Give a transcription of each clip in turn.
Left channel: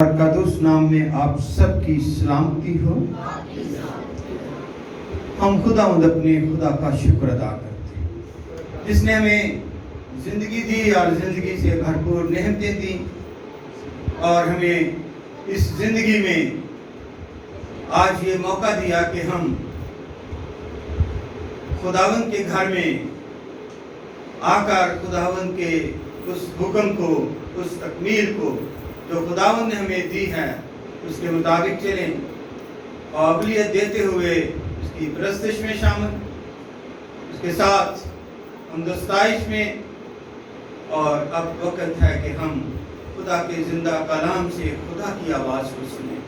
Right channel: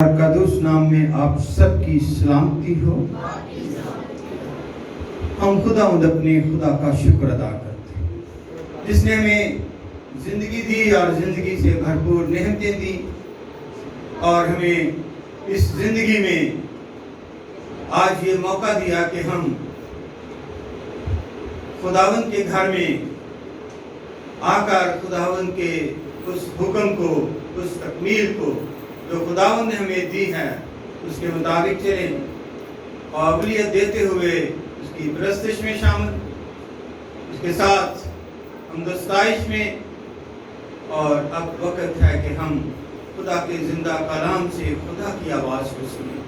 قدوس نام میں آپ سب کی سلامتی ہو۔ ہم خداوند اپنے خدا کا شکر ادا کرتے ہیں جس نے ہمیں زندگی دی اور زندگی سے بھرپور نعمتیں دی، اور ہمیں اس زندگی میں آج یہ موقع دیا کہ ہم خداوند کے گھر میں آ کر خداوند کے اس حکم کو، اس تکمیل کو جو خداوند نے ہمیں دی ہے، اس کے مطابق چلیں، قابلیت دیتے ہوئے اس کی پرستش میں شامل، اس کے ساتھ ہمدستائش میں۔ اور اب وقت ہے کہ ہم خدا کے زندہ کلام سے خدا کی آواز کو سنیں۔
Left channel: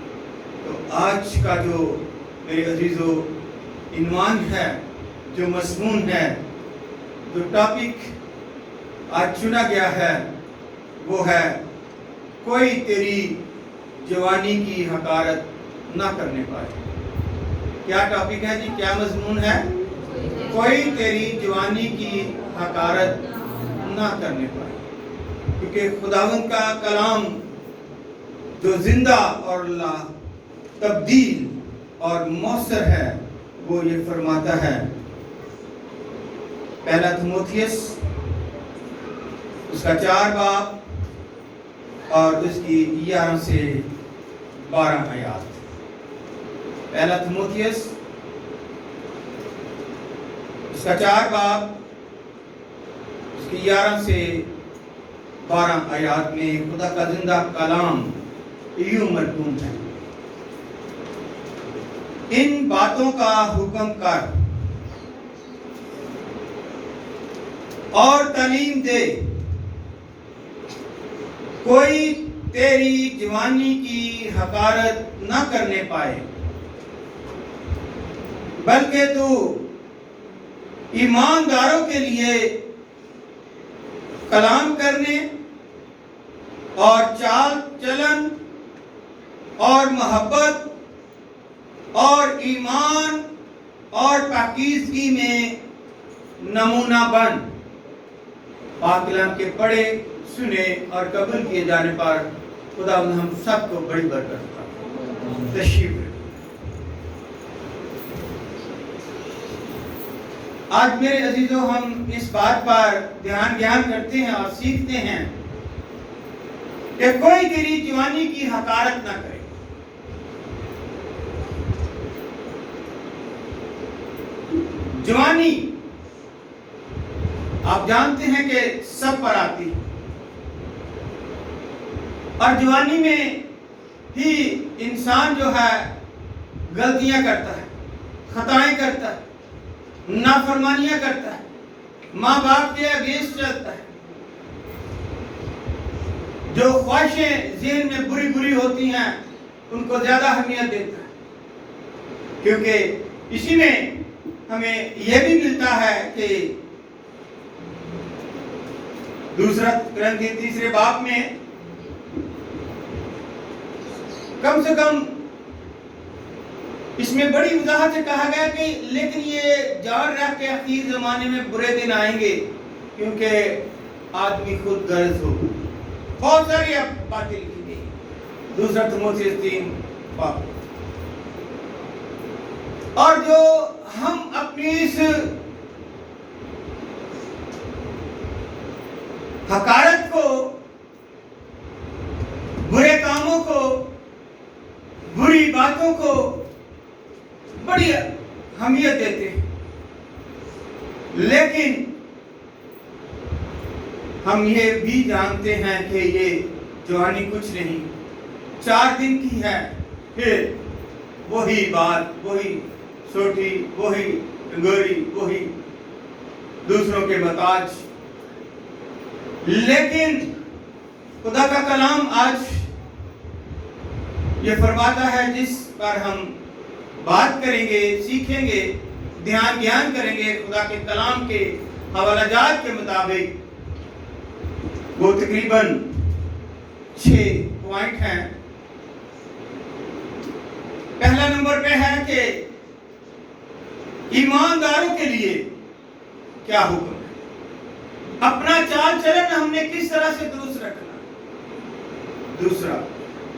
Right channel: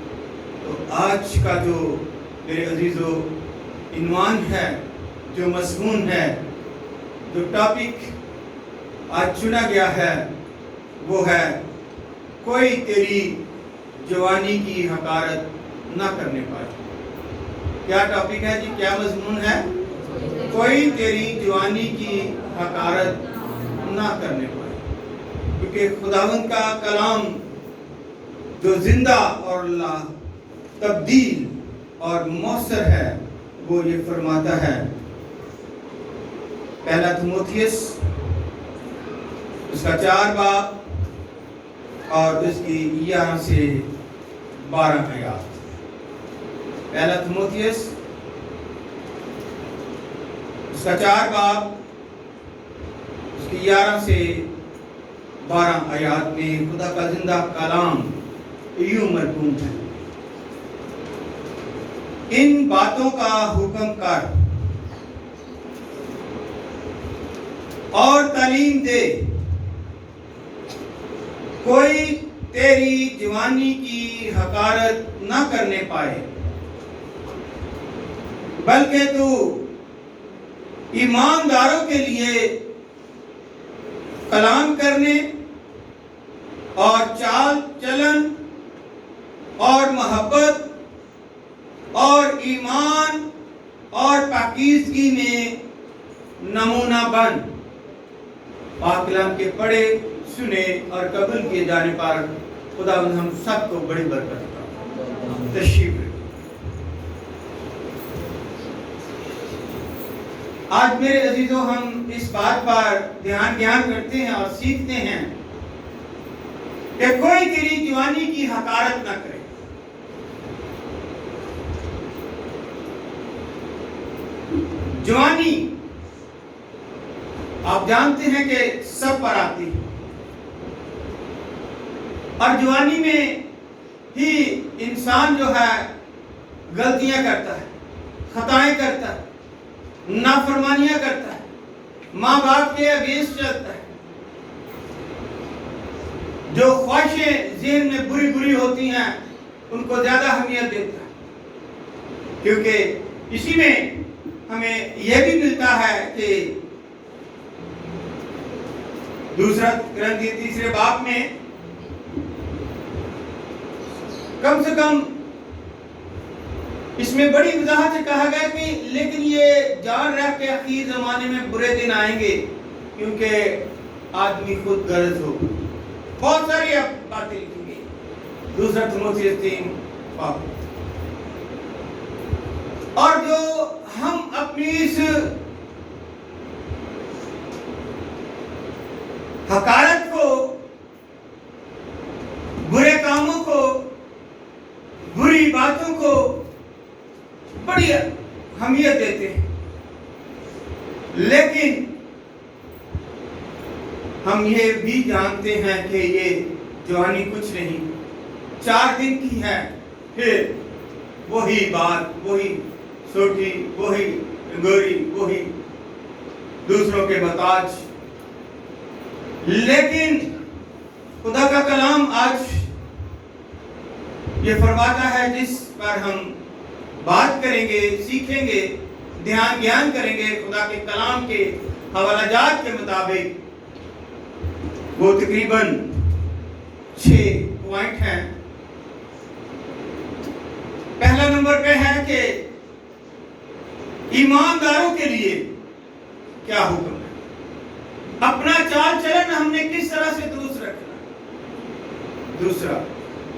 تو آج کا جو میرے عزیزو عنوان ہے، جو مضمون ہے، جو ٹاپک آج چنا گیا ہے، وہ ہے کوئی تیری جوانی کی حقارت نہ کرنے پائے۔ کیا ٹاپک ہے جی؟ کیا مضمون ہے؟ کوئی تیری جوانی کی حقارت نہ کرنے پائے، کیونکہ خداوند کا کلام جو زندہ اور لا تبدیل اور مؤثر ہے، وہ یہ فرماتا ہے، پہلا تیموتھیوس اس کا 4 باب اور اس کی 11 سے 12 آیات۔ پہلا تیموتھیوس اس کا 4 باب اس کی 11 سے 12 آیات میں خدا کا زندہ کلام یوں مرقوم ہے، ان باتوں کا حکم کر اور تعلیم دے، کوئی تیری جوانی کی حقارت نہ کرنے پائے، بلکہ تو ایمانداروں کے لیے کلام کرنے اور چال چلن اور محبت اور ایمان اور پاکیزگی میں نمونہ بن۔ پاک کلام کے پڑھے، سنے اور قبول کیے جانے پر خداوند ہم سب کو بڑی برکت دے۔ تشریف رکھیں۔ آج میرے عزیزوں ہم اس بات پر دھیان کرتے ہیں اور سیکھتے ہیں کہ کوئی تیری جوانی کی حقارت نہ کرے۔ جوانی آپ جانتے ہیں کہ سب پر آتی ہے، اور جوانی میں ہی انسان جو ہے غلطیاں کرتا ہے، خطائیں کرتا ہے، نافرمانیاں کرتا ہے، ماں باپ کے اگینسٹ چلتا ہے، جو خواہشیں ذہن میں بری ہوتی ہیں ان کو زیادہ اہمیت دیتا ہے، کیونکہ اسی میں ہمیں یہ بھی ملتا ہے کہ دوسرا کرنتھی 3 باب میں کم سے کم اس میں بڑی وضاحت سے کہا گیا کہ لیکن یہ جان رکھ کے اخیر زمانے میں برے دن آئیں گے، کیونکہ آدمی خود غرض ہوگا۔ بہت ساری باتیں لکھی گئی، دوسرا تیموتھیوس 3 باب۔ اور جو ہم اپنی اس حقارت کو، برے کاموں کو، بری باتوں کو بڑی اہمیت دیتے ہیں، لیکن ہم یہ بھی جانتے ہیں کہ یہ جوانی کچھ نہیں، 4 دن کی ہے، پھر وہی بات، وہی سوٹی، وہی گوری، وہی دوسروں کے محتاج۔ لیکن خدا کا کلام آج یہ فرماتا ہے، جس پر ہم بات کریں گے، سیکھیں گے، دھیان کریں گے خدا کے کلام کے حوالہ جات کے مطابق، وہ تقریباً 6 پوائنٹ ہیں۔ پہلا نمبر پہ ہے کہ ایمانداروں کے لیے کیا حکم ہے، اپنا چال چلن ہم نے کس طرح سے درست رکھنا۔ دوسرا،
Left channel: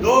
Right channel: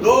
2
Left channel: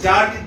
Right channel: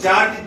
4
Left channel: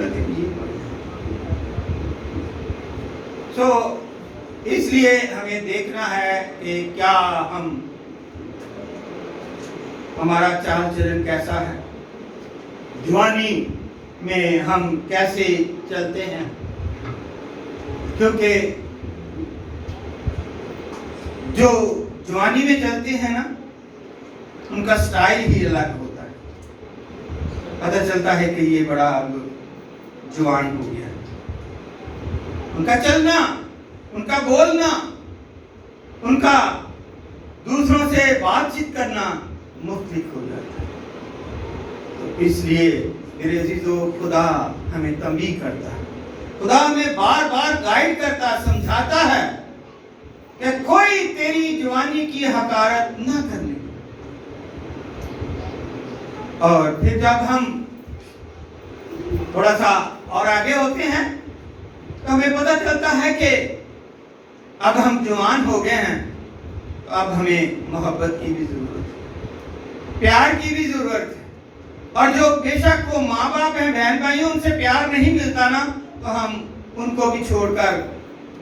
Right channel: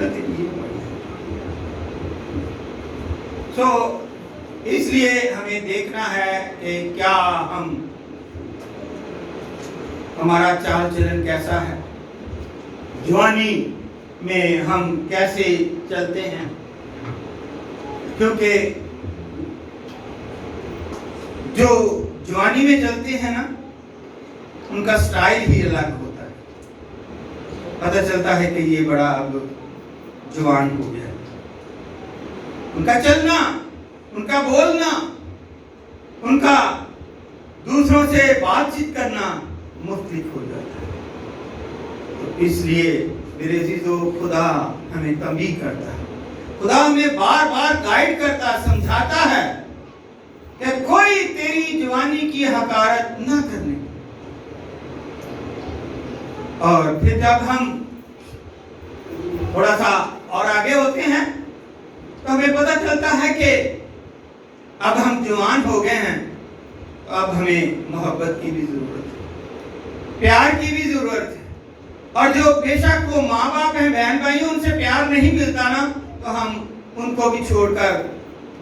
ضرورت ہے یہ. اس لیے ہمیں دیکھنا ہے کہ کیا ہمارا چال چلن کیسا ہے، جوانی میں ہم کیسے چلتے ہیں. کیونکہ جو جوانی میں چلتے ہیں نا، ان کا سٹائل ہی الگ ہوتا ہے. پتہ چلتا ہے کہ یہ بڑا اب جوان ہو گیا ہے. ان کا چلنا، ان کا بولنا، ان کا دوسروں سے بات چیت کرنا مختلف ہو جاتا ہے. تو اس لیے میرے عزیزو، خدا ہمیں تنبیہ کرتا ہے، خدا ہمیں بار بار گائیڈ کرتا، سمجھاتا ہے کہ کوئی تیری جوانی کی حقارت نہ کرنے. اور پھر جب ہم تھوڑا سا اور آگے ہوتے ہیں تو ہمیں پتہ چلتا ہے کہ اب ہم جوان ہو گئے ہیں، تو اب ہمیں محبت کی بھی ضرورت ہے، پیار کی بھی ضرورت ہے. اور جو بے شک وہ ماں باپ ہیں، بہن بھائی، ان سے پیار نہیں ملتا نا، تو ہم ان کو بھی چھوڑ کر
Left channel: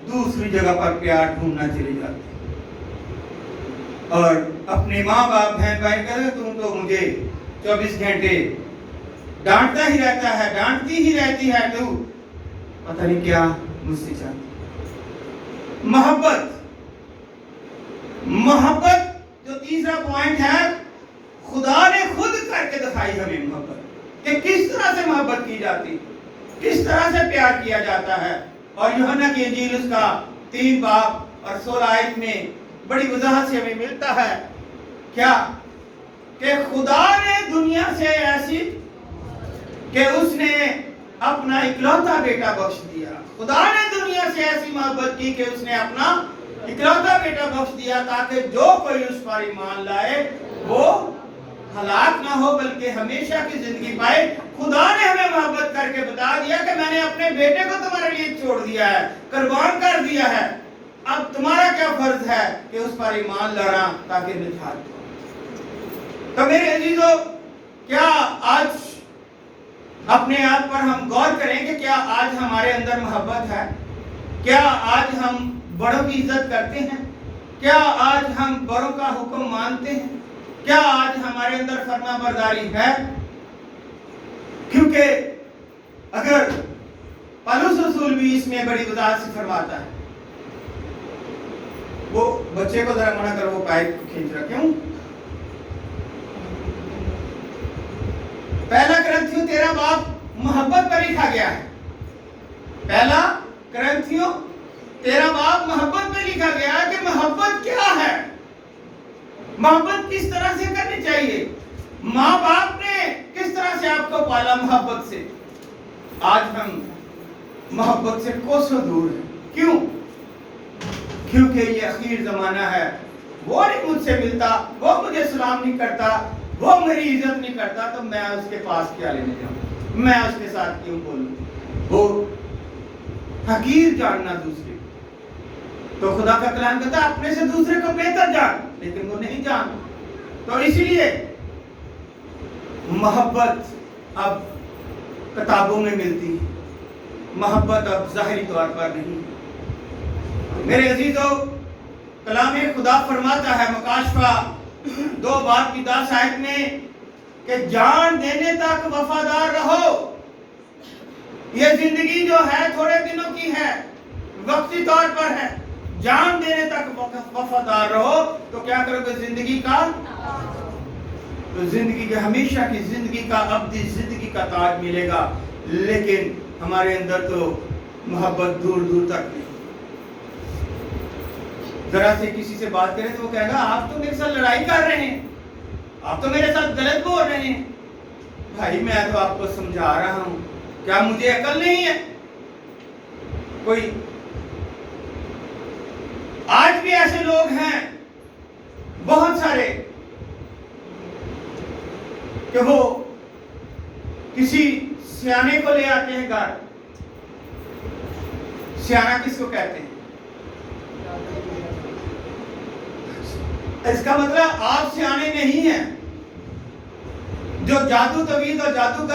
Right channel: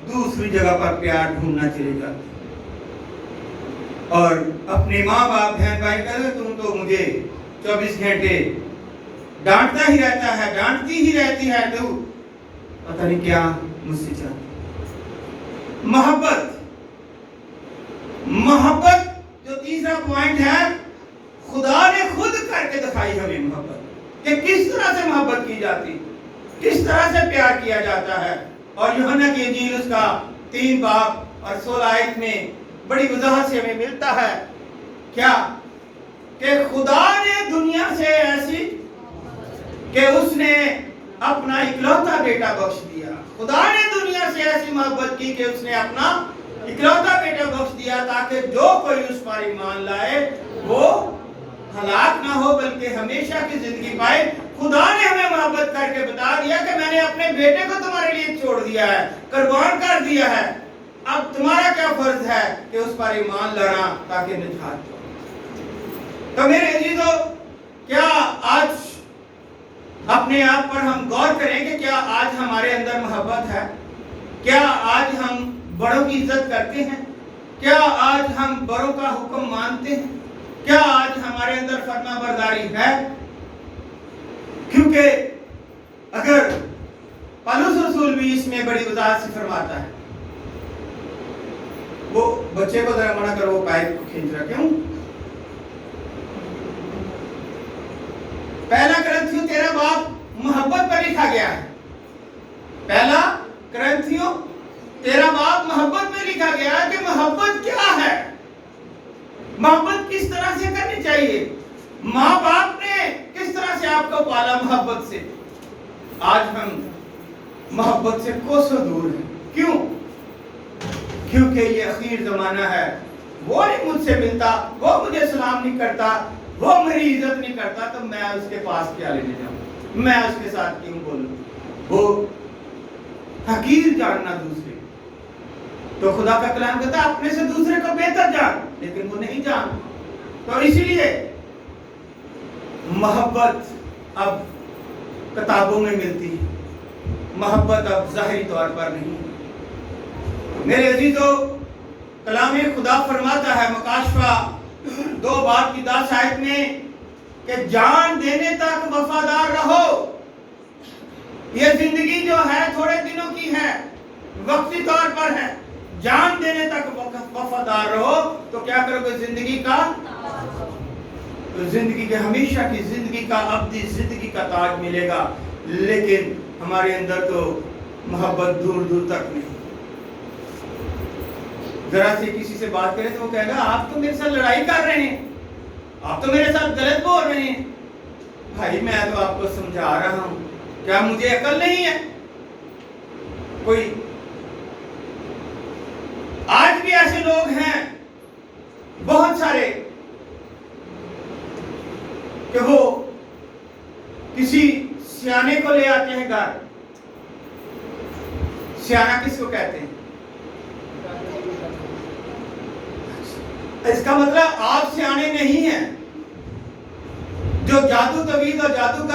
دوسری جگہ پر پیار ڈھونڈنا چلے جاتے ہیں. اور اپنے ماں باپ بہن بھائی کہتے ہیں تم تو مجھے 24 گھنٹے ڈانٹتا ہی رہتا ہے، ڈانٹتی ہی رہتی ہے، تو پتہ نہیں کیا مجھ سے چاہتی. محبت جو تیسرا پوائنٹ ہے، خدا نے خود کر کے دکھائی ہمیں محبت، کہ کس طرح سے محبت کی جاتی، کس طرح سے پیار کیا جاتا ہے. اور یوحنا کی انجیل اس کا 3 باب اور 16 آیت میں بڑی وضاحت سے ہمیں ملتا ہے کیا کہ خدا نے دنیا سے ایسی کہ اس نے اپنا اکلوتا بیٹا بخش دیا. خدا نے دنیا سے ایسی محبت کی کہ اس نے اپنا اکلوتا بیٹا بخش دیا تاکہ جو کوئی اس پر ایمان لائے وہ ہلاک نہ ہو بلکہ ہمیشہ کی زندگی پائے. خدا نے ہمیں محبت کر کے بتا دیا کہ میں نے اپنے بیٹے کو تمہارے لیے چھوڑ دیا ہے، قربان کر دیا ہے. اب تمہارا کیا فرض ہے کہ اس پر ایمان لانا تاکہ نجات ہو. تو میرے عزیزو، کیا آج اپنے آپ پر ہم غور کریں کہ کیا آج ہمارے اندر محبت ہے؟ کیا آج ہم بڑوں کی عزت کرتے ہیں؟ کیا آج ہم بڑوں کا حکم مانتے ہیں؟ کیا آج ہمارے اندر فرما برداری ہے؟ کیونکہ اگر پولس رسول بھی اس میں بڑی وضاحت سے فرماتا ہے. وہ بچے کو ذرا منع کرو، وہ پائپ کھینچ رہا. کیوں؟ پہلا کرنتھیوں 13 باب محبت پر لکھا گیا ہے. پہلا کرنتھیوں 13 باب محبت پہ لکھا گیا ہے کہ محبت کیا ہے، محبت کس طرح سے کرنی چاہیے. ماں باپ نے کس طرح سے آپ کو پالا محبت سے. آج ہم محبت سے کوسوں دور ہیں. کیوں؟ کیونکہ یہ اخیر زمانہ ہے. وہ نہیں مجھ سے ملتا، وہ مجھے سلام نہیں کرتا، وہ میری عزت نہیں کرتا، تو میں اس کے پاس کیا لینے جاؤں، میں اس کے ساتھ کیوں بولوں. وہ حقیر جاننا دوسرے. تو خدا کا کلام کہتا ہے اپنے سے دوسرے کو بہتر جان، لیکن وہ نہیں جان. تو اسی لیے محبت اب کتابوں میں ملتی ہے، محبت اب ظاہری طور پر نہیں. میرے عزیزو، کلام خدا فرماتا ہے مکاشفہ 2 باب کی 10 آیت میں کہ جان دینے تک وفادار رہو. یہ زندگی جو ہے تھوڑے دنوں کی ہے، وقتی طور پر ہے. جان دینے تک وفادار رہو تو کیا کرو گے؟ زندگی کا، تو زندگی کے ہمیشہ کی زندگی کا، ابدی زندگی کا تاج ملے گا. لیکن ہمارے اندر تو محبت دور دور تک نہیں. ذرا سے کسی سے بات کریں تو وہ کہے گا آپ تو میرے ساتھ لڑائی کر رہے ہیں، آپ تو میرے ساتھ غلط بول رہے ہیں. بھائی میں تو آپ کو سمجھا رہا ہوں، کیا مجھے عقل نہیں ہے؟ کوئی آج بھی ایسے لوگ ہیں بہت سارے کہ وہ کسی سیانے کو لے آتے ہیں گھر. سیانہ کس کو کہتے ہیں؟ اس کا مطلب آپ سیانے نہیں ہیں. جو جادو طویل اور جادو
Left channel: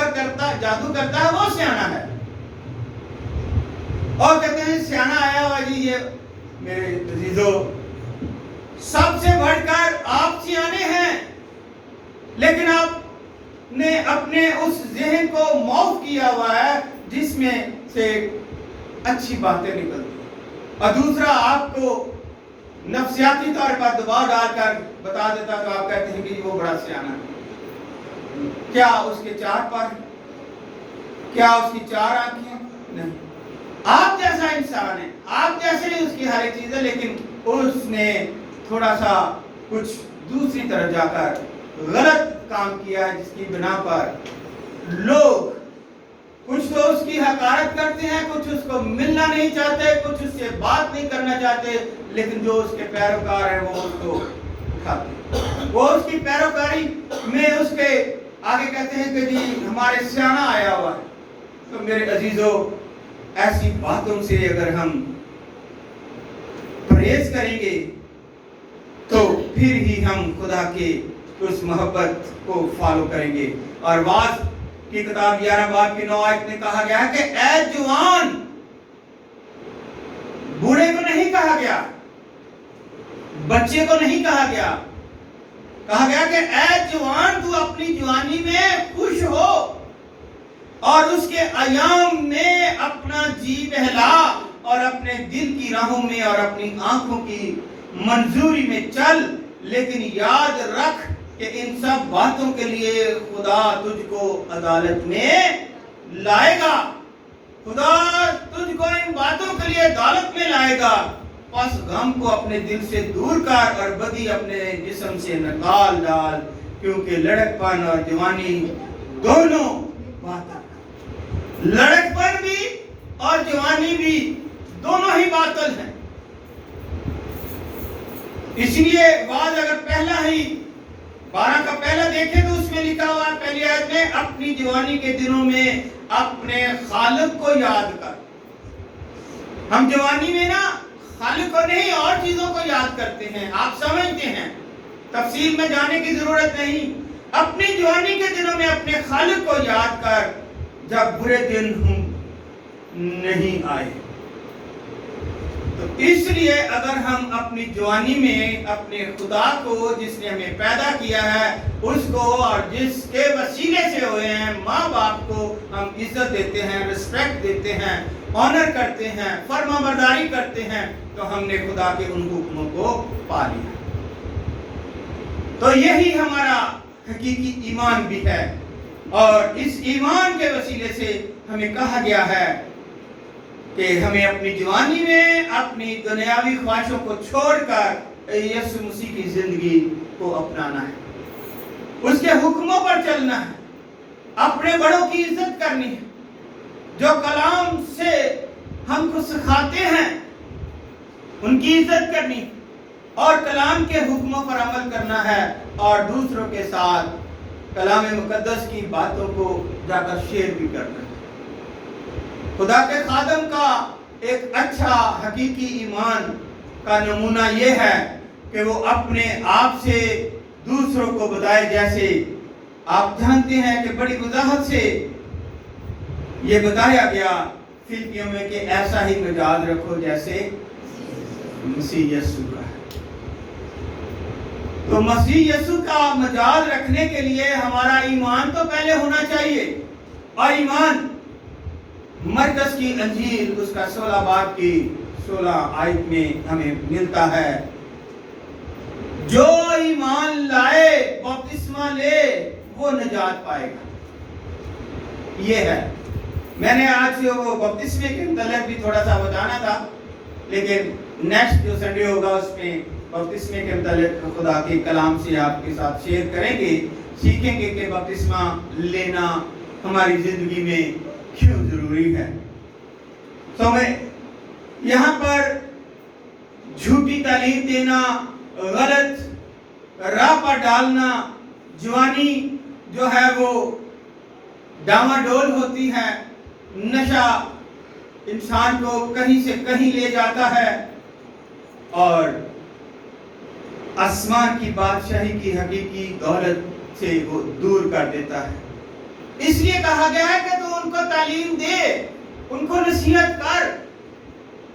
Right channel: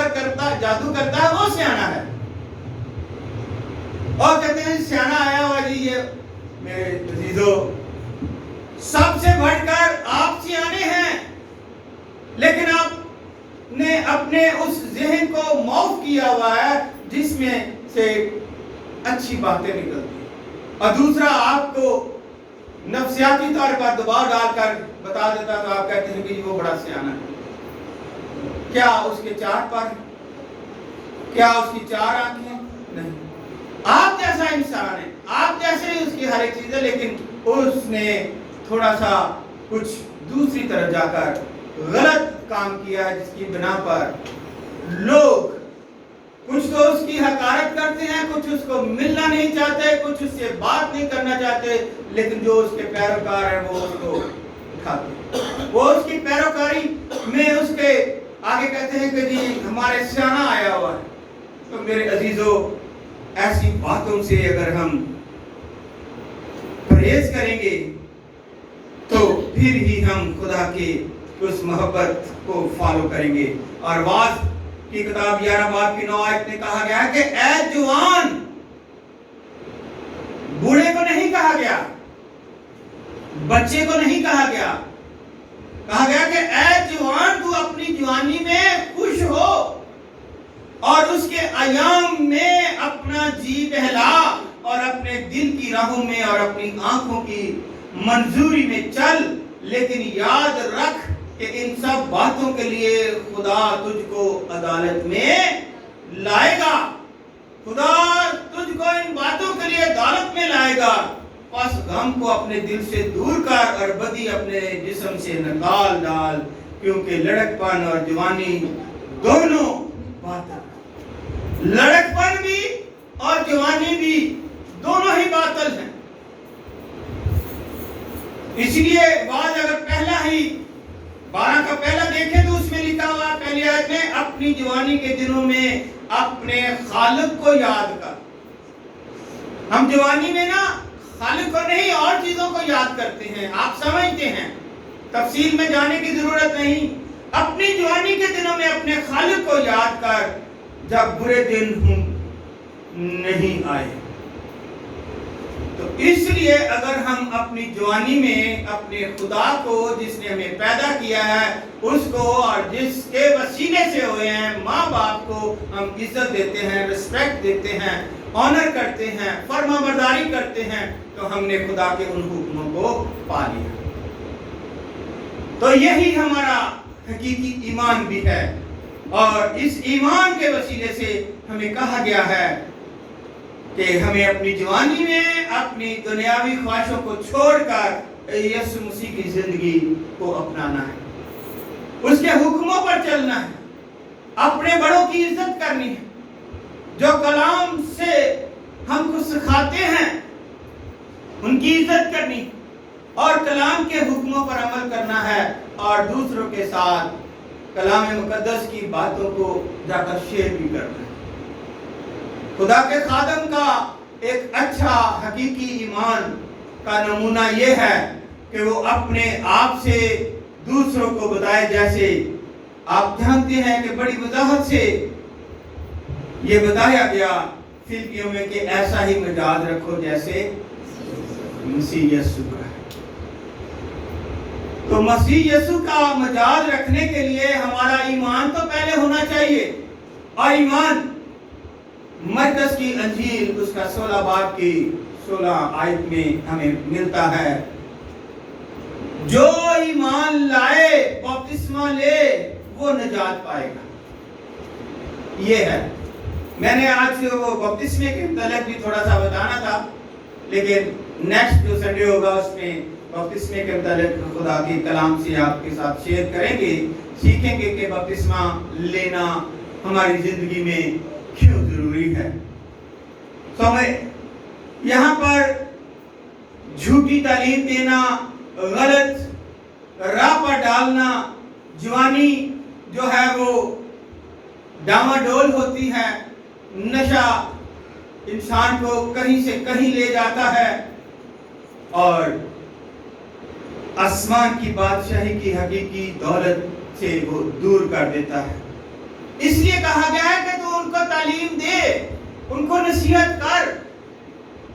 کرتا ہے وہ سیانہ ہے. اور کہتے ہیں سیانا آیا ہوا جی یہ میرے عزیزو سب سے بڑھ کر آپ سیانے ہیں، لیکن آپ نے اپنے اس ذہن کو معاف کیا ہوا ہے جس میں سے اچھی باتیں نکلتی، اور دوسرا آپ کو نفسیاتی طور پر دباؤ ڈال کر بتا دیتا تو آپ کہتے ہیں کہ وہ بڑا سیانا ہے۔ کیا اس کے 4 پر، کیا اس کی 4 آنکھیں؟ نہیں، آپ جیسا انسان ہے، آپ جیسے ہی اس کی ہر ایک چیز ہے، لیکن اس نے تھوڑا سا کچھ دوسری طرف جا کر غلط کام کیا ہے، جس کی بنا پر لوگ کچھ تو اس کی حقارت کرتے ہیں، کچھ اس کو ملنا نہیں چاہتے، کچھ اس سے بات نہیں کرنا چاہتے، لیکن جو اس کے پیروکار ہیں وہ اس کو اٹھاتے ہیں، وہ اس کی پیروکاری میں اس کے آگے کہتے ہیں کہ جی ہمارے سیانا آیا ہوا ہے۔ تو میرے عزیزو ایسی باتوں سے اگر ہم پرہیز کریں گے تو پھر ہی ہم خدا کے اس محبت کو فالو کریں گے۔ اور واعظ کی کتاب 11 باب کی 9 آیت میں کہا گیا ہے کہ اے جوان، بوڑھے کو نہیں کہا گیا، بچے کو نہیں کہا گیا، کہا گیا کہ اے جوان تو اپنی جوانی میں خوش ہو اور اس کے ایام میں اپنا جی بہلا اور اپنے دل کی راہوں میں اور اپنی آنکھوں کی منظوری میں چل، لیکن یاد رکھ کہ ان سب باتوں کے لیے خدا تجھ کو عدالت میں لائے گا، خدا تجھ کو ان باتوں کے لیے عدالت میں لائے گا، پس غم کو اپنے دل سے دور کر اور بدی اپنے جسم سے نکال ڈال، کیونکہ لڑک پن اور جوانی دونوں باطل، لڑک پن بھی اور جوانی بھی دونوں ہی باطل ہیں۔ اس لیے بعض اگر پہلا ہی 12 کا پہلا دیکھیں تو اس میں لکھا ہوا پہلی آیت میں اپنی جوانی کے دنوں میں اپنے خالق کو یاد کر۔ ہم جوانی میں نا خالق کو نہیں اور چیزوں کو یاد کرتے ہیں، آپ سمجھتے ہیں، تفصیل میں جانے کی ضرورت نہیں۔ اپنی جوانی کے دنوں میں اپنے خالق کو یاد کر جب برے دن نہیں آئے۔ تو اس لیے اگر ہم اپنی جوانی میں اپنے خدا کو جس نے ہمیں پیدا کیا ہے اس کو اور جس کے وسیلے سے ہوئے ہیں ماں باپ کو ہم عزت دیتے ہیں، رسپیکٹ دیتے ہیں، آنر کرتے ہیں، فرما برداری کرتے ہیں، تو ہم نے خدا کے ان حکموں کو پا لیا۔ تو یہی ہمارا حقیقی ایمان بھی ہے، اور اس ایمان کے وسیلے سے ہمیں کہا گیا ہے کہ ہمیں اپنی جوانی میں اپنی دنیاوی خواہشوں کو چھوڑ کر یسوع مسیح کی زندگی کو اپنانا ہے، اس کے حکموں پر چلنا ہے، اپنے بڑوں کی عزت کرنی ہے، جو کلام سے ہم کو سکھاتے ہیں ان کی عزت کرنی اور کلام کے حکموں پر عمل کرنا ہے، اور دوسروں کے ساتھ کلام مقدس کی باتوں کو جا کر شیئر بھی کرنا ہے۔ خدا کے خادم کا ایک اچھا حقیقی ایمان کا نمونہ یہ ہے کہ وہ اپنے آپ سے دوسروں کو بتائے، جیسے آپ جانتے ہیں کہ بڑی وضاحت سے یہ بتایا گیا فلپیوں میں کہ ایسا ہی مزاج رکھو جیسے مسیح یسوع کا ہے۔ تو مسیح یسوع کا مزاج رکھنے کے لیے ہمارا ایمان تو پہلے ہونا چاہیے، اور ایمان مرکز کی انجیل اس کا 16 باب کی 16 آیت میں ہمیں ملتا ہے، جو ایمان لائے بپتسمہ لے وہ نجات پائے گا۔ یہ ہے، میں نے آج وہ بپتسمے کے متعلق بھی تھوڑا سا بتانا تھا، لیکن نیکسٹ جو سنڈے ہوگا اس میں بپتسمے کے متعلق خدا کے کلام سے آپ کے ساتھ شیئر کریں گے، سیکھیں گے کہ بپتسمہ لینا ہماری زندگی میں کیوں ضروری ہے۔ تو میں یہاں پر جھوٹی تعلیم دینا، غلط راہ پر ڈالنا، جوانی جو ہے وہ ڈاواڈول ہوتی ہے، نشہ انسان کو کہیں سے کہیں لے جاتا ہے اور آسمان کی بادشاہی کی حقیقی دولت سے وہ دور کر دیتا ہے۔ اس لیے کہا گیا ہے کہ تو ان کو تعلیم دے، ان کو نصیحت کر،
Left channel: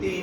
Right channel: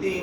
3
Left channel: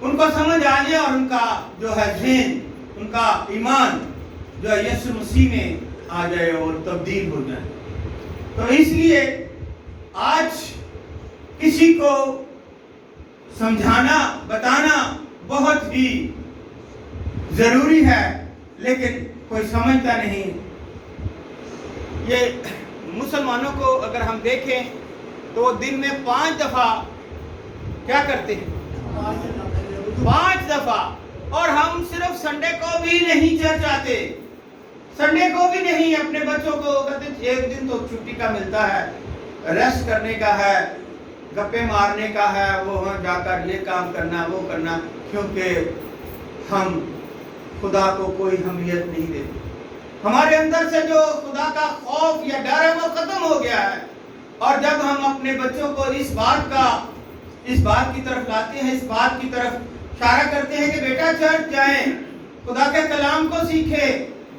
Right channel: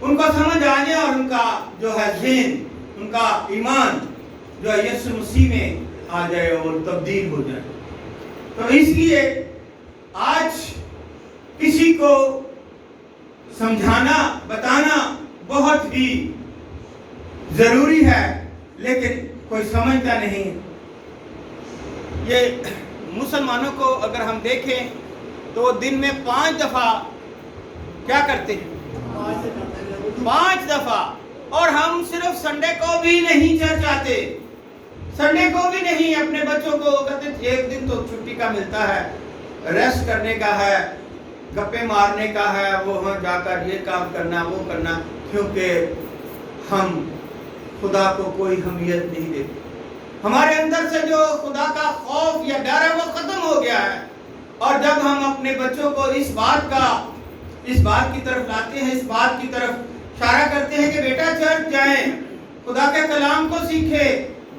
ان کو سمجھ آ جائے اور ان کا جو ہے ذہن، ان کا ایمان جو ہے یسوع مسیح میں آ جائے اور تبدیل ہو جائے۔ تو اس لیے آج کسی کو سمجھانا بتانا بہت ہی ضروری ہے، لیکن کوئی سمجھتا نہیں۔ یہ مسلمانوں کو اگر ہم دیکھیں تو دن میں 5 دفعہ کیا کرتے ہیں؟ 5 دفعہ، اور ہم صرف سنڈے کو بھی نہیں چرچ آتے، سنڈے کو بھی نہیں۔ اپنے بچوں کو کہتے ہیں ایک دن تو چھٹی کا ملتا ہے، ریسٹ کرنے کا ہے، گپے مارنے کا ہے، وہ جا کر یہ کام کرنا وہ کرنا، کیونکہ ہم خدا کو کوئی اہمیت نہیں دیتے۔ ہمارے اندر سے جو خدا کا خوف یا ڈر ہے وہ ختم ہو گیا ہے، اور جب ہم اپنے بچوں کو اس بات کی طرف لاتے ہیں، اس بات کی طرف اشارہ کرتے ہیں کہ بیٹا چرچ جائیں، خدا کے کلام کو سیکھیں،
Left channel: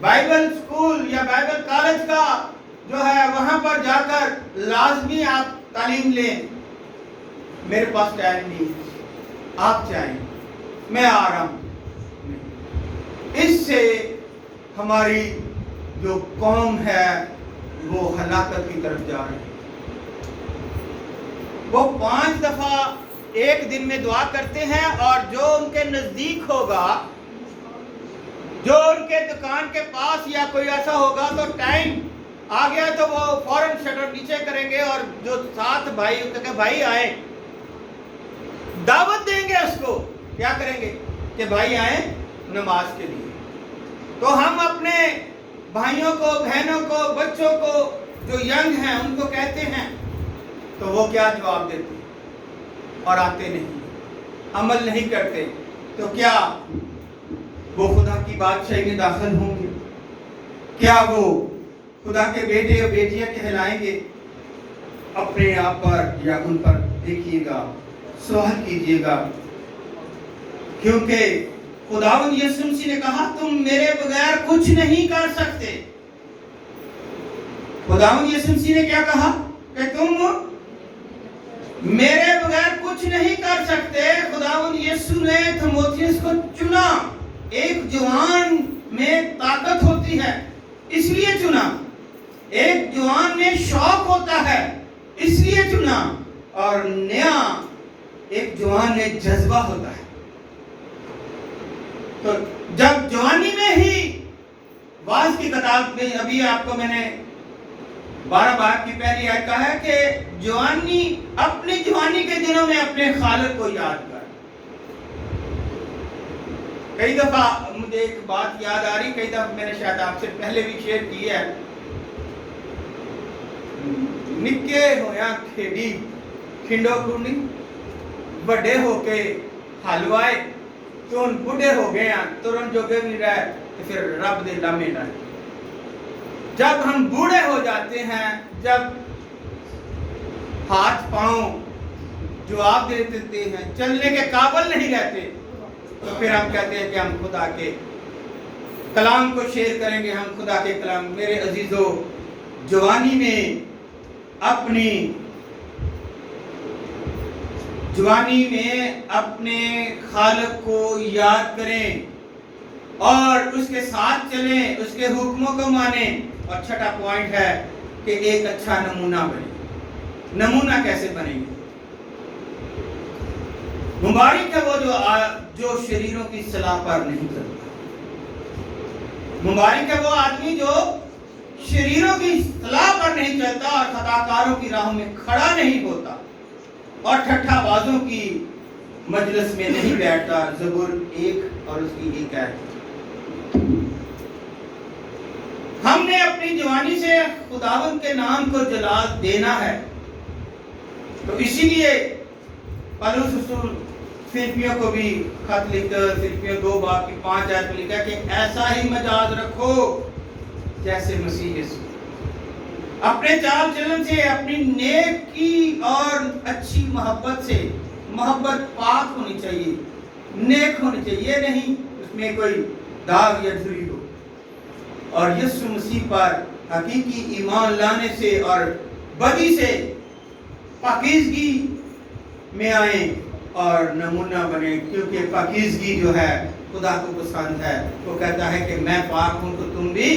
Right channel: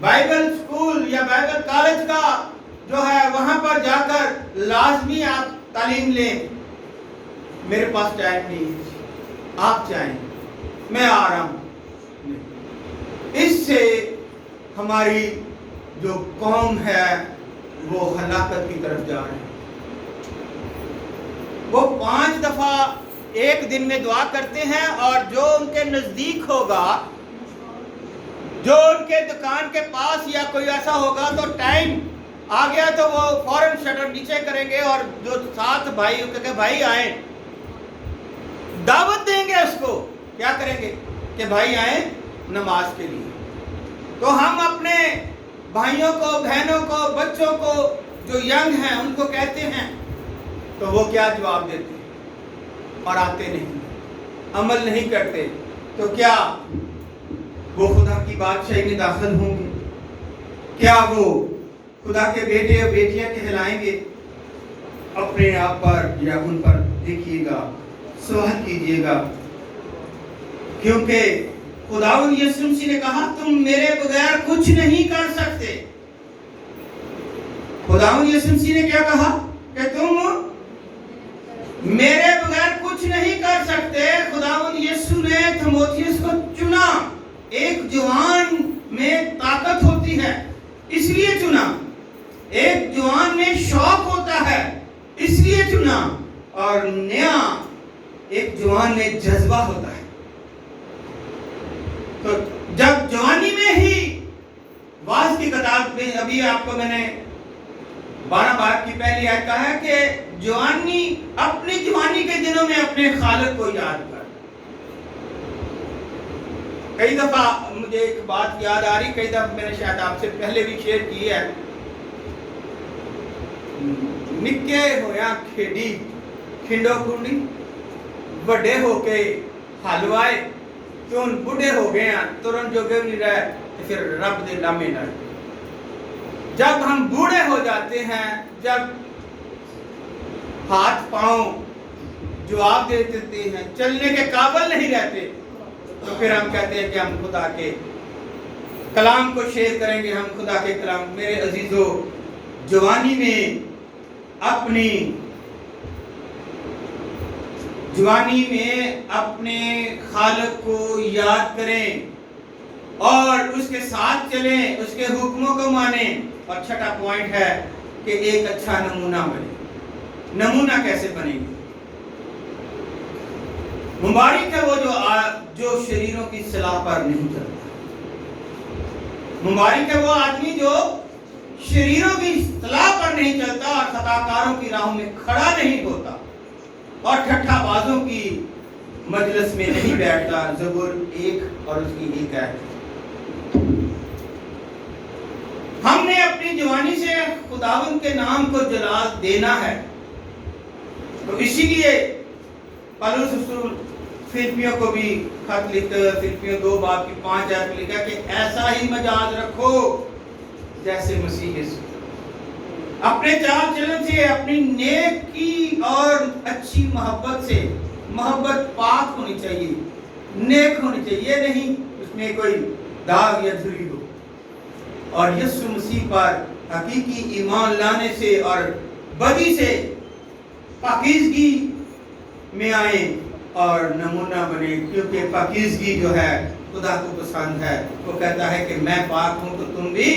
بائبل اسکول یا بائبل کالج کا جو ہے وہاں پر جا کر لازمی آپ تعلیم لیں، میرے پاس ٹائم نہیں ہے، آپ جائیں، میں آ رہا ہوں۔ اس سے ہماری جو قوم ہے وہ ہلاکت کی طرف جا رہے ہیں۔ وہ 5 دفعہ ایک دن میں دعا کرتے ہیں، اور جو ان کے نزدیک ہوگا، جو ان کے دکان کے پاس یا کوئی ایسا ہوگا تو ٹائم آ گیا تو وہ فوراً شٹر نیچے کریں گے، اور جو ساتھ بھائی کہ بھائی آئیں، دعوت دیں گے اس کو، کیا کریں گے کہ بھائی آئیں نماز کے لیے۔ تو ہم اپنے بھائیوں کو، بہنوں کو، بچوں کو جو ینگ ہیں ان کو کہتے ہیں تو وہ کیا جواب دیتے ہیں؟ اور آتے نہیں، عمل نہیں کرتے، تو کیا وہ خدا کی بادشاہی میں داخل ہوں گے؟ کیا وہ خدا کے بیٹے اور بیٹیاں کہلائیں گے؟ اپنے آپ پر یا ان پر دیکھیے گا، سوال کیجئے گا، کیونکہ خداوند یسوع مسیح نے کہا تم میرے بغیر کچھ نہیں کر سکتے۔ خداوند یسوع مسیح نے کیا کہا کہ تم میرے بغیر کچھ نہیں کر سکتے۔ خداوند یسوع نے تیموتھیوس کو چنا، ایک جوان میں طاقت ہوتی ہے اس لیے چنا، ایک جوان میں شوق ہوتا ہے اس لیے چنا، اور نیا ایک جوان میں جذبہ ہوتا ہے۔ تو جب جوانی میں ہی واعظ کی کتاب میں ابھی آپ کو میں نے 12 باب کی پہلی آیت کہا ہے کہ جوانی، اپنی جوانی کے دنوں میں اپنے خالق کو یاد کر۔ کئی دفعہ مجھے ایک بات یاد آ رہی، کئی دفعہ میں نے شاید آپ سے پہلے بھی شیئر کی ہے، نکے ہویا کھیڑی کھنڈو کھنڈی، بڑے ہو کے حلوائے تو ان بڑھے ہو گئے ہیں تو ان جوگے نہیں رہے تو پھر رب دے لامے نہ۔ جب ہم بوڑھے ہو جاتے ہیں، جب ہاتھ پاؤں جواب دے دیتے ہیں، چلنے کے قابل نہیں رہتے، تو پھر ہم کہتے ہیں کہ ہم خدا کے کلام کو شیئر کریں گے، ہم خدا کے کلام۔ میرے عزیزو، جوانی میں اپنے خالق کو یاد کریں اور اس کے ساتھ چلیں، اس کے حکموں کو مانیں۔ اور چھٹا پوائنٹ ہے کہ ایک اچھا نمونہ بنے۔ نمونہ کیسے بنے گے؟ مبارک ہے وہ جو شریروں کی صلاح پر نہیں چلتا۔ مبارک ہے وہ آدمی جو شریروں کی صلاح پر نہیں چلتا اور خطاکاروں کی راہوں میں کھڑا نہیں ہوتا اور ٹھٹھا بازوں کی مجلس میں نہیں بیٹھتا۔ زبور 1 اور اس کی 1 آیت۔ ہم نے اپنی جوانی سے خداوند کے نام کو جلال دینا ہے، تو اسی لیے پالوس رسول فلپیوں کو بھی خط لکھتا ہے، فلپیوں 2 باب کی 5 آیت میں لکھا کہ ایسا ہی مجاز رکھو جیسے مسیح یسوع۔ اپنے چال چلن سے، اپنی نیکی اور اچھی محبت سے، محبت پاک ہونی چاہیے، نیک ہونی چاہیے، یہ نہیں اس میں کوئی داغ یا دھری ہو، اور یسوع مسیح پر حقیقی ایمان لانے سے اور بدی سے پاکیزگی میں آئیں اور نمونہ بنے، کیونکہ پاکیزگی جو ہے خدا کو پسند ہے۔ وہ کہتا ہے کہ میں پاک ہوں تو تم بھی،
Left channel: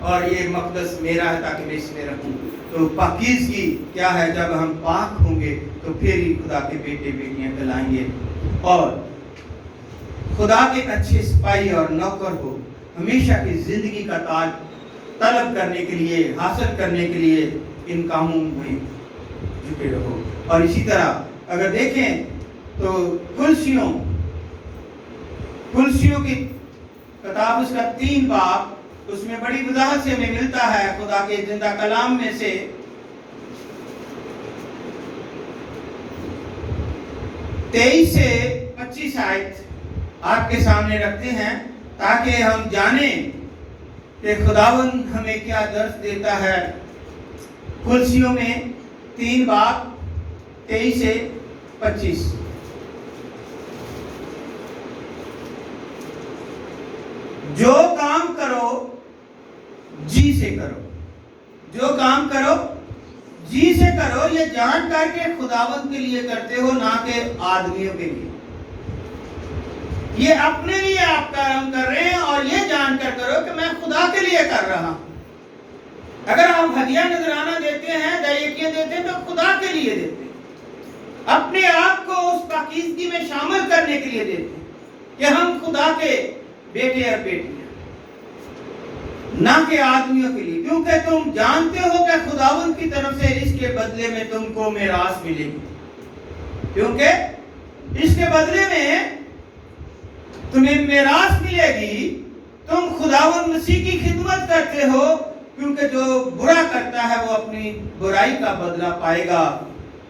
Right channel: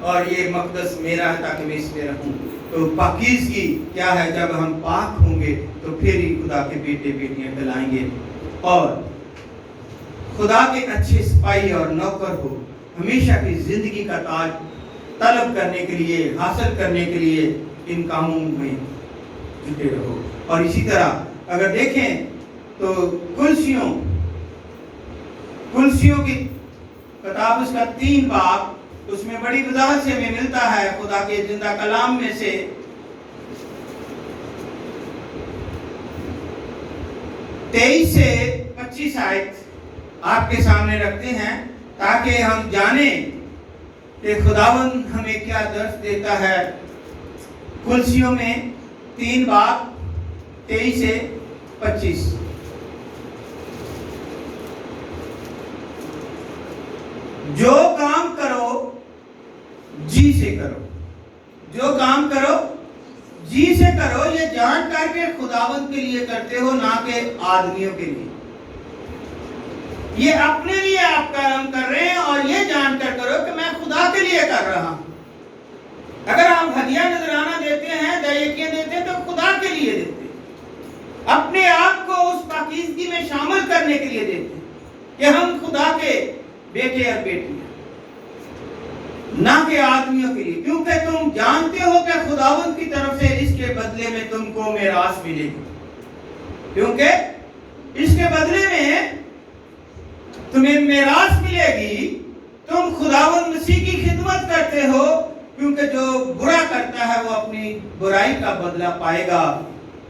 اور یہ مقدس میرا ہے تاکہ میں اس میں رہوں۔ تو پاکیزگی کیا ہے؟ جب ہم پاک ہوں گے تو پھر ہی خدا کے بیٹے بیٹیاں کہلائیں گے، اور خدا کے اچھے سپاہی اور نوکر ہو، ہمیشہ کی زندگی کا تاج طلب کرنے کے لیے، حاصل کرنے کے لیے ان کاموں میں جٹے رہو۔ اور اسی طرح اگر دیکھیں تو کلسیوں کی کتاب، اس کا 3 باب، اس میں بڑی وضاحت سے ہمیں ملتا ہے خدا کے زندہ کلام میں سے 23 سے 25 آیت آپ کے سامنے رکھتے ہیں تاکہ ہم جانیں کہ خداوند ہمیں کیا درس دیتا ہے۔ کلسیوں میں 3 باب 23 سے 25۔ جو کام کرو جی سے کرو، جو کام کرو جی سے کرو، یہ جان کر کے خداوند کے لیے کرتے ہو، نہ کہ آدمیوں کے لیے۔ یہ اپنے لیے آپ کام کر رہے ہیں، اور یہ جان کر کرو کہ میں خدا کے لیے کر رہا ہوں۔ اگر آپ ہدیہ نذرانہ دیتے ہیں، دہیکیاں دیتے ہیں، تو خدا کے لیے دیتے ہیں، اپنے آپ کو اس پاکیزگی میں شامل کرنے کے لیے دیتے ہیں کہ ہم خدا کے بیٹے اور بیٹیاں، نہ کہ آدمیوں کے لیے، کیونکہ تم جانتے ہو کہ خداوند کی طرف سے اس کے بدلے میں تم کو میراث ملے گی، کیونکہ اس کے بدلے میں تمہیں میراث ملے گی۔ تم خداوند مسیح کی خدمت کرتے ہو، کیونکہ جو برا کرتا ہے وہ اپنی برائی کا بدلہ پائے گا،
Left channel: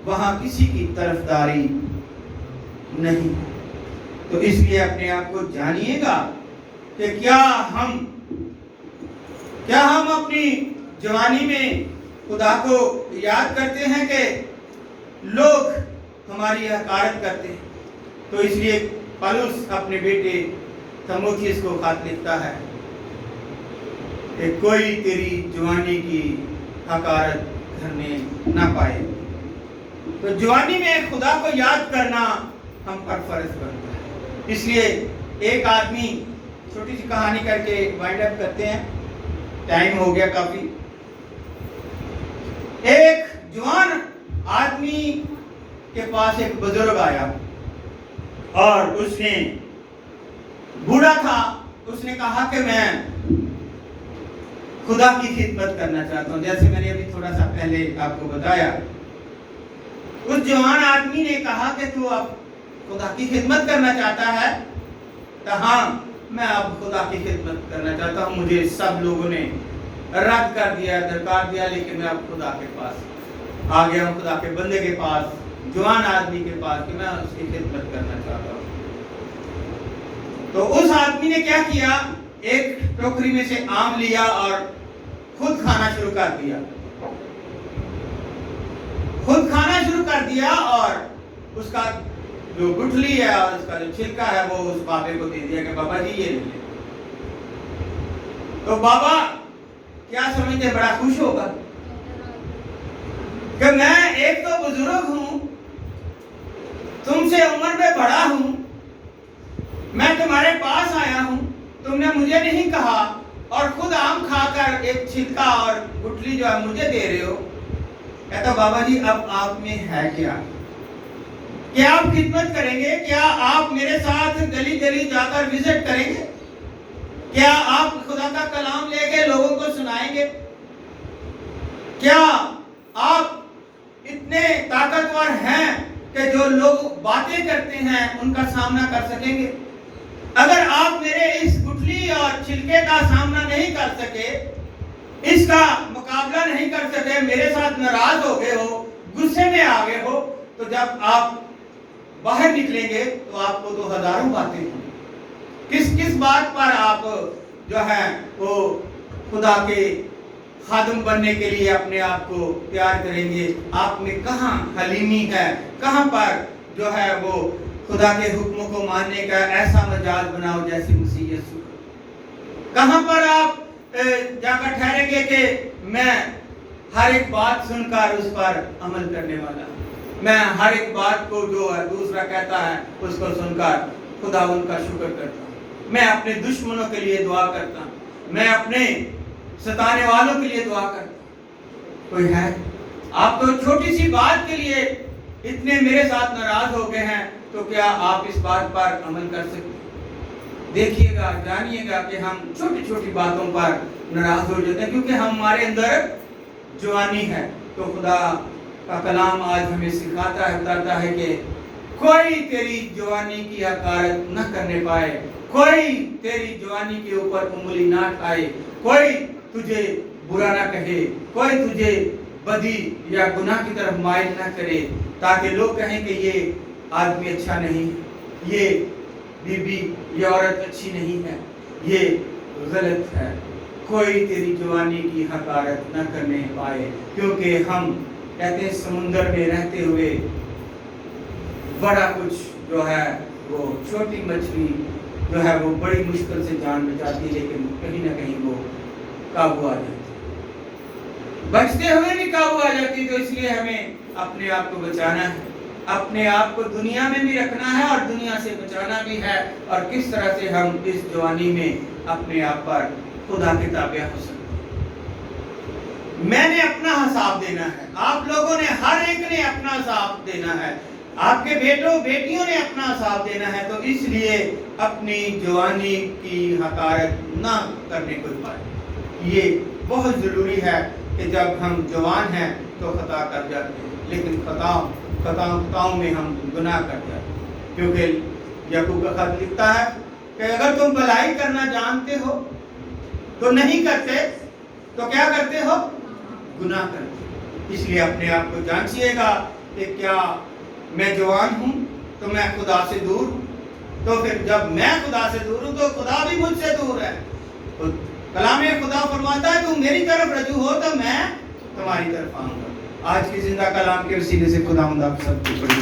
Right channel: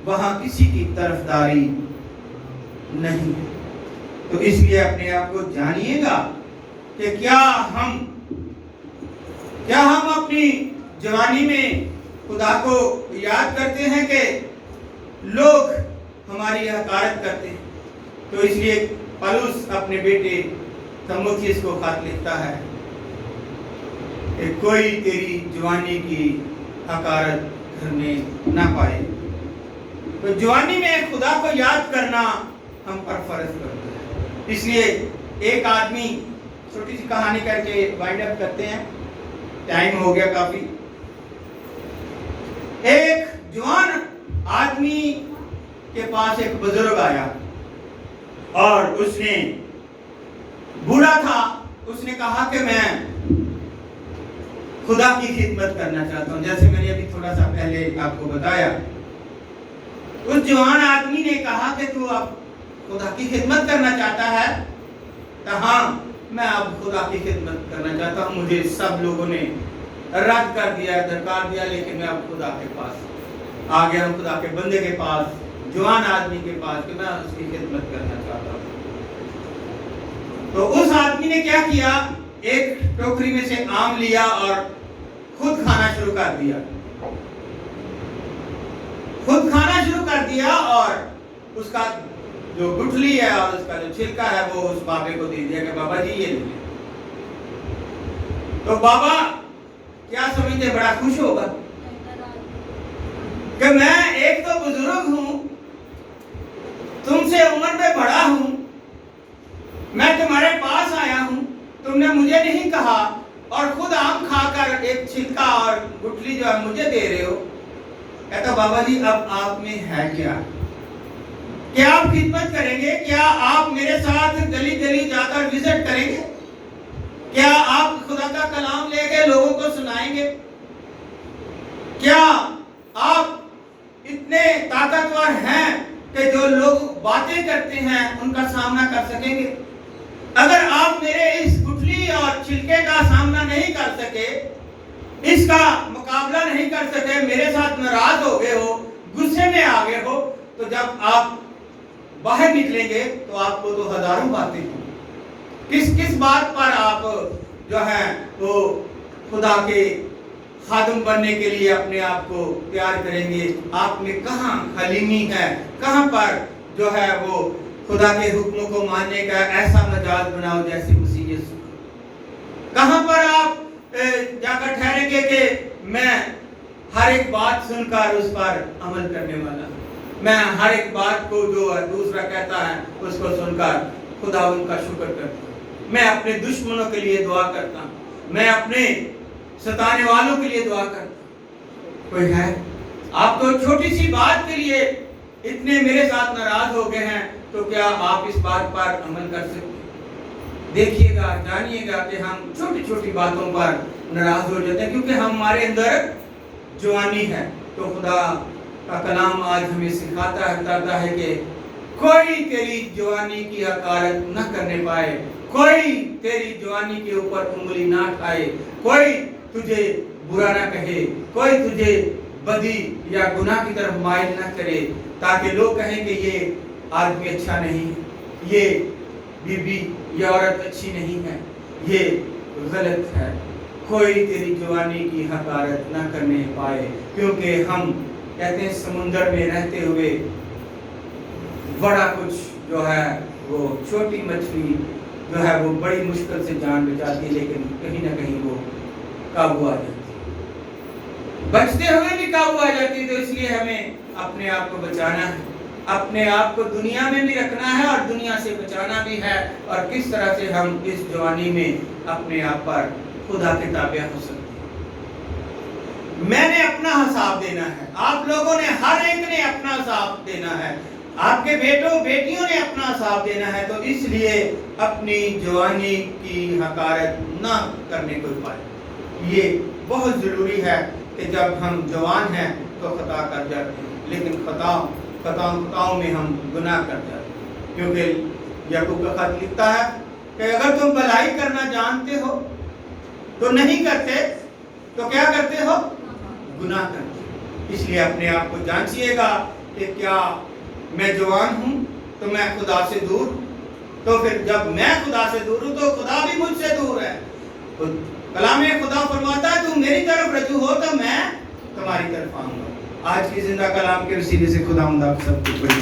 وہاں کسی کی طرفداری نہیں۔ تو اس لیے اپنے آپ کو جانیے گا کہ کیا ہم اپنی جوانی میں خدا کو یاد کرتے ہیں کہ لوگ ہماری حقارت کرتے ہیں۔ تو اس لیے پالوس اپنے بیٹے تیموتھیوس کو خط لکھتا ہے کہ کوئی تیری جوانی کی حقارت کرنے نہ پائے۔ تو جوانی میں خدا کو یاد کرنا ہم پر فرض کرتا ہے۔ اس لیے ایک آدمی، چھوٹی سی کہانی کر کے وائنڈ اپ کرتے ہیں، ٹائم ہو گیا کافی۔ ایک جوان آدمی کے پاس ایک بزرگ آیا، اور اس نے بوڑھا تھا، اس نے کہا کہ میں خدا کی خدمت کرنا چاہتا ہوں، جیسے میں نے ابھی تھوڑا سا پہلے آپ کو بتایا۔ اس جوان آدمی نے کہا کہ تو اب خدا کی خدمت کرنا چاہتا ہے؟ تو ہاں، میں اب خدا کی خدمت کرنا چاہتا ہوں، مجھے سب لوگوں نے رد کر دیا، درکار دیا، لیکن میں اب خدا کے پاس آ گیا ہوں، خدا کے بندے کے پاس، جوان آدمی کے پاس، کہ میں اس کی خدمت کرنا چاہتا ہوں۔ تو اس آدمی نے کیا کیا؟ ایک ٹوکری میں سے آم لیا اور خود کھانا شروع کر دیا، اور اس کا جو گٹھلی ہے اور اس کا جو چھلکا ہے وہ اس بابے کو دے دیا کہ بابا جی یہ لیجیے۔ تو بابا کیا سمجھتے، بڑا خوش ہوگا کہ میں ایک تو بزرگ ہوں، تم سے عمر میں بڑا ہوں، میں تمہارے پاس آیا ہوں، تم نے مجھے نہیں کہا، اور خود آم کھا کر ایک چھلکا اور گٹھلی جو ہے مجھے دے رہے ہو۔ کہتا بابا جی اب آپ میں ہے کیا آپ خدمت کریں گے؟ کیا آپ میرے ساتھ گلی گلی جا کر وزٹ کریں گے؟ کیا آپ خدا کا کلام لے کے لوگوں کو سنائیں گے؟ کیا آپ اتنے طاقتور ہیں کہ جو لوگ باتیں کرتے ہیں ان کا سامنا کر سکیں گے؟ اگر آپ میرے اس گٹھلی اور چھلکے کا سامنا نہیں کر سکے، اس کا مقابلہ نہیں کر سکے، میرے ساتھ ناراض ہو گئے ہو، غصے میں آ گئے ہو، تو جب آپ باہر نکلیں گے تو آپ کو تو ہزاروں باتیں ہوں۔ کس بات پر آپ جو ہے وہ خدا کے خادم بننے کے لیے اپنے آپ کو تیار کریں گے؟ آپ میں کہاں حلیمی ہے؟ کہاں پر جو ہے وہ خدا کے حکموں کو ماننے کا ایسا مزاج بناؤ جیسے مسیح یسوع؟ کہاں پر آپ جا کر ٹھہریں گے کہ میں ہر ایک بات سن کر اس پر عمل کرنے والا ہوں؟ میں ہر ایک بات کو جو دوسرا کہتا ہے اس کو سن کر خداوند کا شکر کرتا ہوں. میں اپنے دشمنوں کے لیے دعا کرتا ہوں. میں اپنے ستانے والوں کے لیے دعا کرتا ہوں. کوئی ہے؟ آپ تو چھوٹی سی بات کے لیے اتنے میرے ساتھ ناراض ہو گئے ہیں, تو کیا آپ اس بات پر عمل کر سکتے ہیں؟ دیکھیے گا, جانیے گا کہ ہم چھوٹی چھوٹی باتوں پر ناراض ہو جاتے ہیں کیونکہ ہمارے اندر جوانی ہے. تو خدا کا کلام آج ہمیں سکھاتا ہے, بتاتا ہے کہ کوئی تیری جوانی کی حقارت نہ کرنے پائے, کوئی تیری جوانی کے اوپر انگلی نہ اٹھائے, کوئی تجھے برا نہ کہے, کوئی تجھے بدی یا گناہ کی طرف مائل نہ کرے, تاکہ لوگ کہیں کہ یہ آدمی اچھا نہیں ہے, یہ بی بی یہ عورت اچھی نہیں ہے, یہ غلط ہے. کوئی تیری جوانی کی حقارت نہ کرنے پائے, کیونکہ ہم کہتے ہیں سمندر میں رہتے ہوئے بڑا کچھ جو ہے وہ چھوٹی مچھلی جو ہے وہ بڑی مشکل سے جان بچاتی ہے, لیکن کہیں نہ کہیں وہ قابو آ جاتی ہے, بچتے ہوئے بھی قابو آ جاتی ہے. تو اس لیے ہمیں اپنے آپ کو بچانا ہے, اپنے آپ کو دنیا میں بھی رکھنا ہے اور دنیا سے بچانا بھی ہے. اور کس طرح سے ہم اس جوانی میں اپنے آپ پر خدا کے تابع ہو سکتے ہیں. میں نے اپنا حساب دینا ہے, آپ لوگوں نے ہر ایک نے اپنا حساب دینا ہے, آپ کے بیٹوں بیٹیوں نے اپنا حساب دینا ہے. تو اس لیے اپنی جوانی کی حقارت نہ کرنے کو پائے. یہ بہت ضروری ہے کہ جب ہم جوان ہیں تو خطا کر جاتے ہیں, لیکن خطاؤں میں ہم گناہ کر جاتے ہیں. کیونکہ یعقوب کا خط لکھتا ہے کہ اگر تم بھلائی کرنا جانتے ہو تو نہیں کرتے, تو کیا کرتے ہو؟ گناہ کرتے. اس لیے اپنے آپ کو جانچیے گا کہ کیا میں جوان ہوں تو میں خدا سے دور ہوں. تو پھر جب میں خدا سے دور ہوں تو خدا بھی مجھ سے دور ہے. کلام خدا فرماتا ہے تم میری طرف رجوع ہو تو میں تمہاری طرف آؤں گا. آج کی زندہ کلام کے وسیلے سے خداوند آپ سب کو بڑی